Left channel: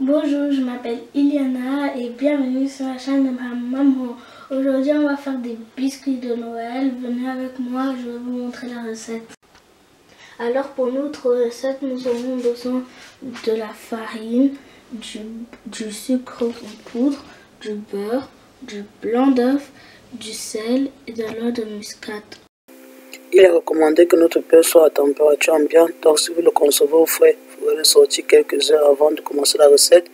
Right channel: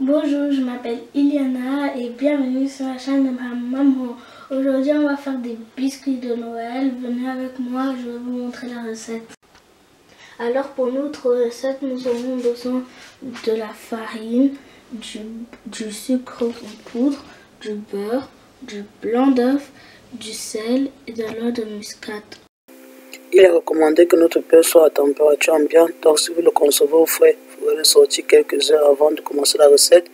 Bonjour, je m'appelle Iliana et bienvenue sur la chaîne de ma maman. Aujourd'hui, on va faire des biscuits de Noël. Venez avec moi, je vais vous montrer la recette. Alors pour notre recette, nous aurons besoin de la farine, du sucre en poudre, du beurre, du blanc d'œuf, du sel et de l'eau de muscade. Il est recommandé que notre beurre soit à température ambiante, donc si vous le concevez au frais, vous pouvez le sortir quelques heures avant de commencer la recette.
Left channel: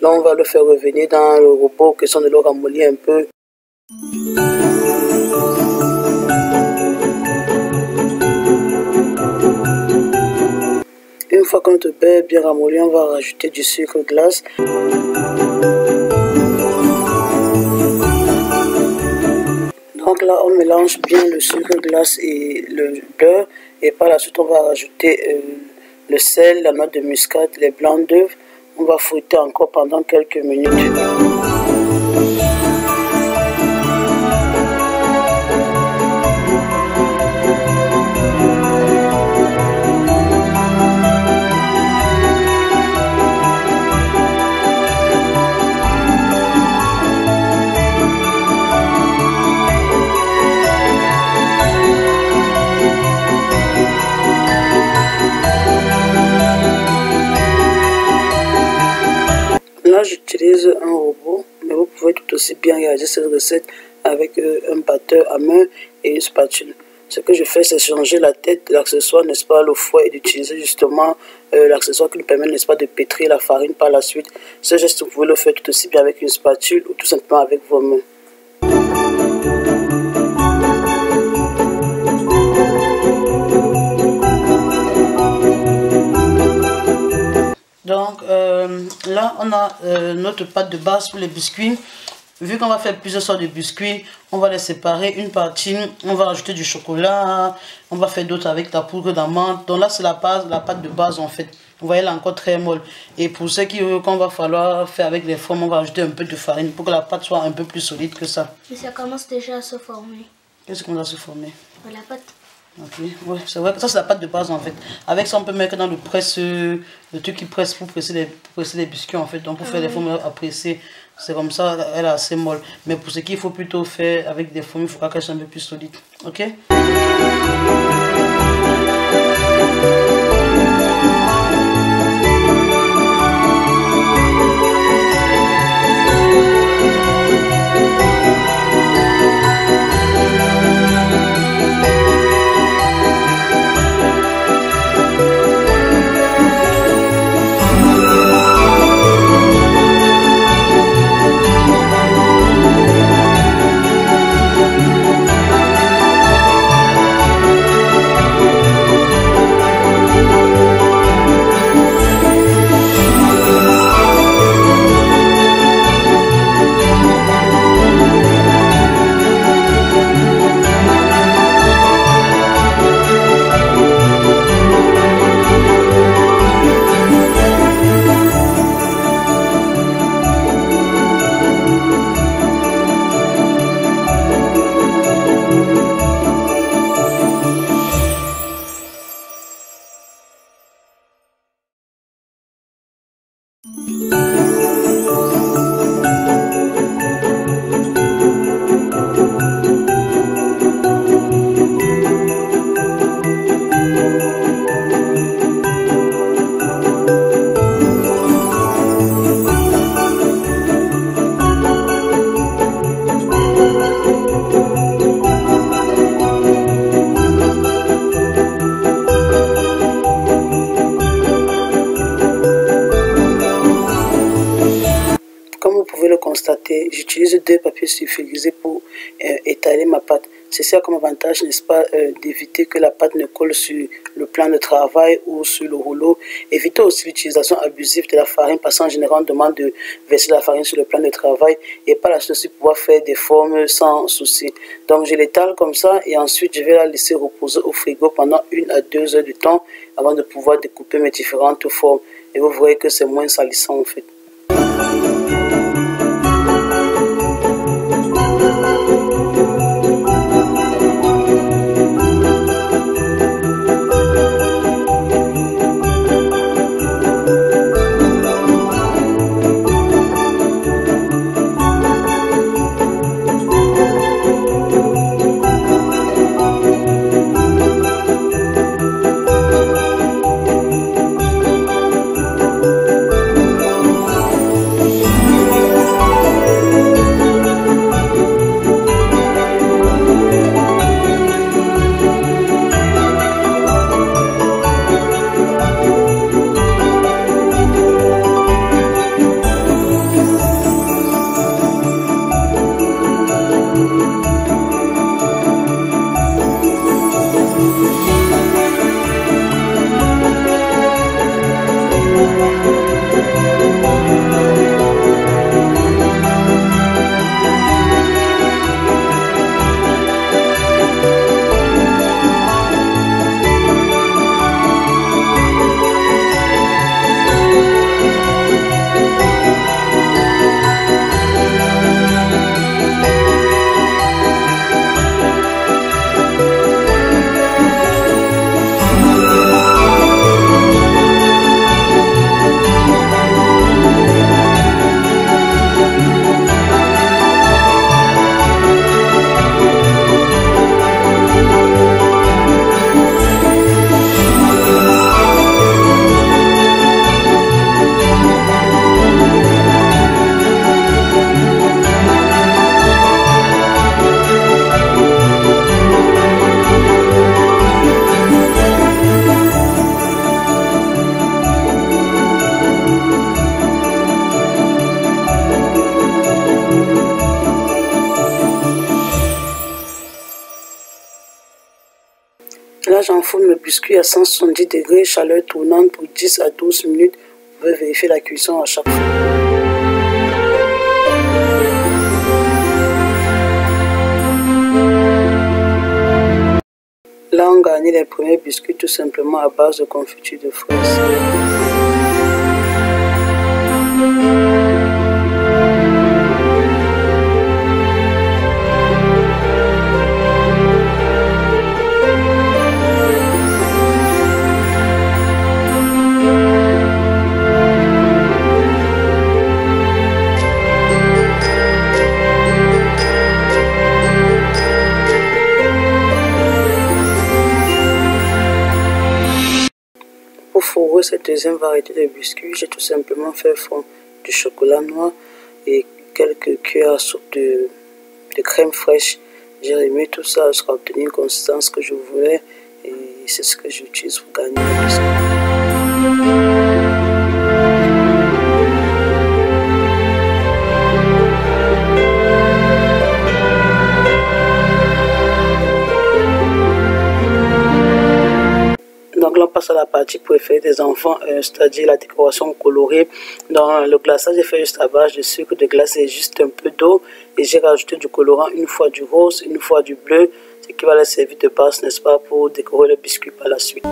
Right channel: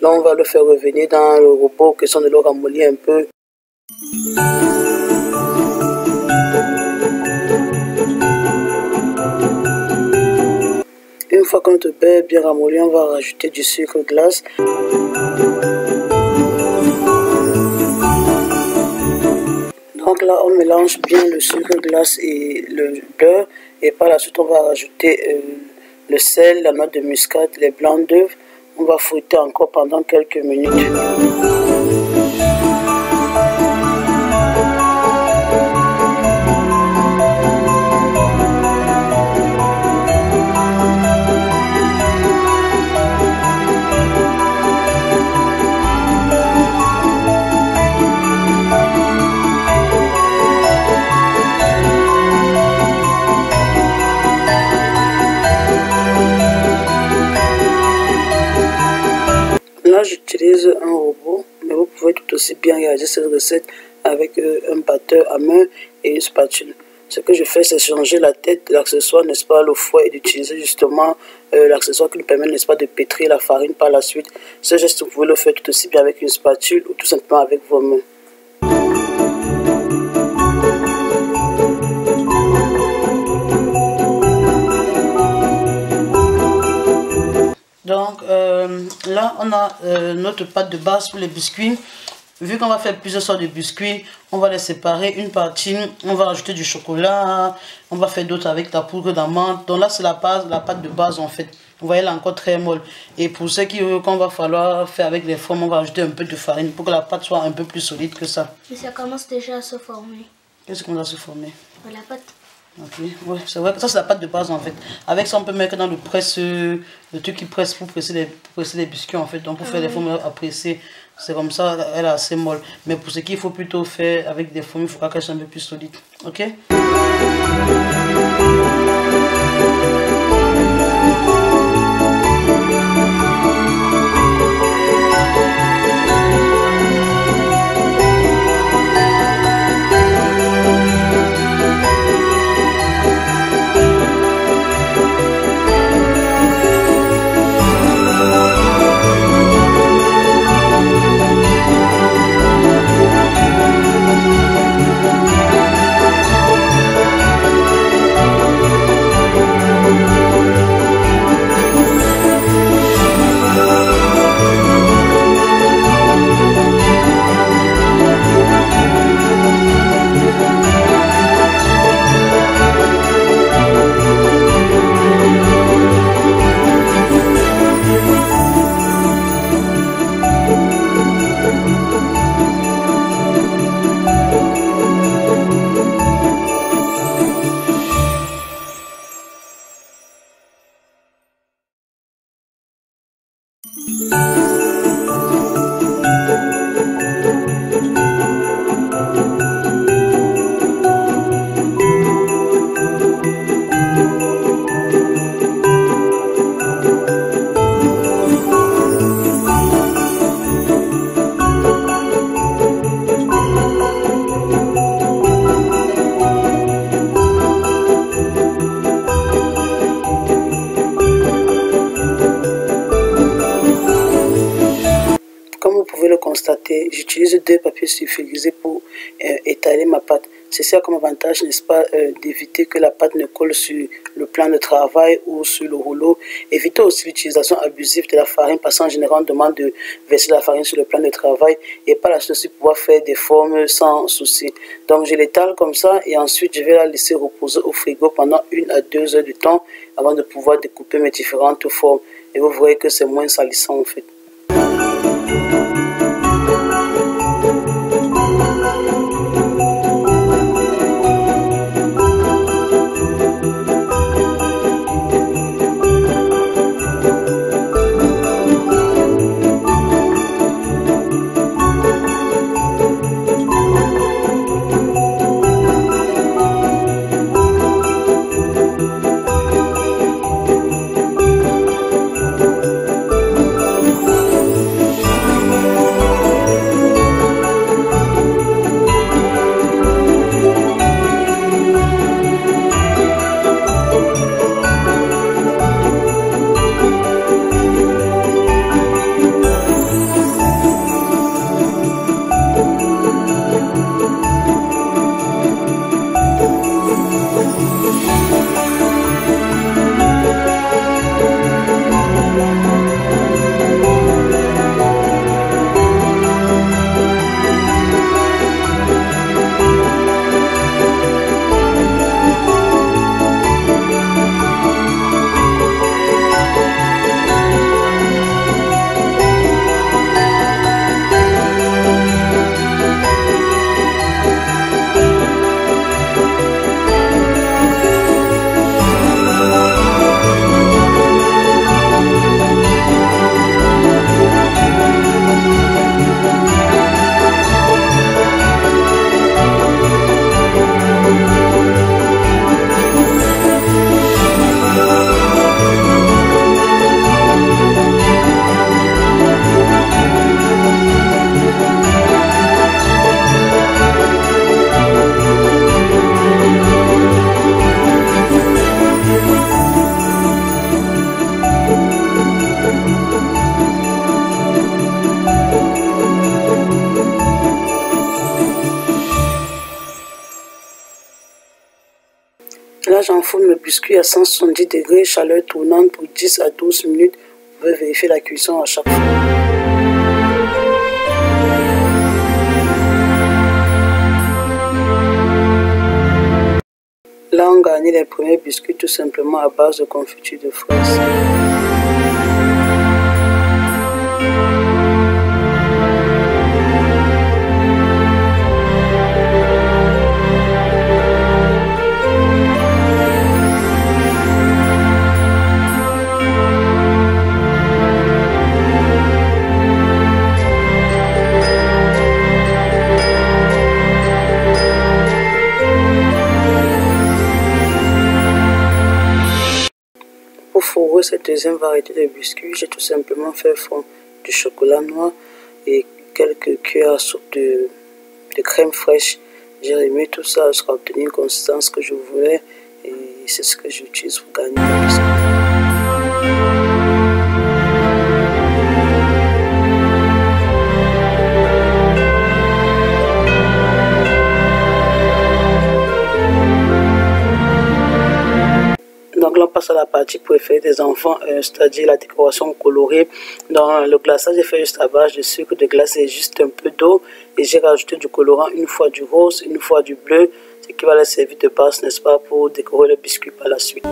Là, on va le faire revenir dans le robot, question de le ramollir un peu. Une fois que notre beurre est bien ramolli, on va rajouter du sucre glace. Donc là, on mélange bien le sucre glace et le beurre. Et par la suite, on va rajouter le sel, la noix de muscade, les blancs d'œufs. On va fouetter encore pendant quelques minutes. Là, j'utilise un robot, mais vous pouvez tout aussi bien réaliser cette recette avec un batteur à main et une spatule. Ce que je fais, c'est changer la tête de l'accessoire, n'est-ce pas, le fouet, et d'utiliser justement l'accessoire qui nous permet, n'est-ce pas, de pétrir la farine par la suite. Ce geste, vous pouvez le faire tout aussi bien avec une spatule ou tout simplement avec vos mains. Donc là, on a notre pâte de base pour les biscuits. Vu qu'on va faire plusieurs sortes de biscuits, on va les séparer. Une partie, on va rajouter du chocolat. On va faire d'autres avec la poudre d'amande. Donc là, c'est la pâte de base en fait. Vous voyez, elle est encore très molle. Et pour ceux qu'on va falloir faire avec les formes, on va rajouter un peu de farine pour que la pâte soit un peu plus solide que ça. Mais ça commence déjà à se former. Qu'est-ce qu'on a se former? La pâte. Ok, ouais, c'est vrai que ça c'est la pâte de base en fait. Avec ça on peut mettre dans le presse, le truc qui presse pour presser les biscuits en fait. Donc pour faire des formes à presser, c'est comme ça, elle est assez molle. Mais pour ce qu'il faut plutôt faire avec des formes, il faudra qu'elle soit un peu plus solide. Ok. Comme vous pouvez le constater, j'utilise deux papiers sulfurisés pour étaler ma pâte. Ceci a comme avantage, n'est-ce pas, d'éviter que la pâte ne colle sur le plan de travail ou sur le rouleau. Évitez aussi l'utilisation abusive de la farine parce qu'en général, on demande de verser la farine sur le plan de travail et par la suite aussi pouvoir faire des formes sans souci. Donc je l'étale comme ça et ensuite je vais la laisser reposer au frigo pendant 1 à 2 heures de temps avant de pouvoir découper mes différentes formes. Et vous voyez que c'est moins salissant en fait. J'enfourne le biscuit à 170 degrés, chaleur tournante pour 10 à 12 minutes. Vous pouvez vérifier la cuisson à chaque fois. Là, on garnit les premiers biscuits tout simplement à base de confiture de fraises. Pour fourrer cette deuxième variété de biscuits, j'ai tout simplement fait fondre du chocolat noir et quelques cuillères à soupe de crème fraîche. J'ai remis tout ça jusqu'à obtenir une consistance que je voulais et c'est ce que j'utilise pour garnir le biscuit. Donc là, on passe à la partie préférée des enfants, c'est-à-dire la décoration colorée. Dans le glaçage, j'ai fait juste à base de sucre de glace et juste un peu d'eau. Et j'ai rajouté du colorant, une fois du rose, une fois du bleu, ce qui va leur servir de base, n'est-ce pas, pour décorer le biscuit par la suite.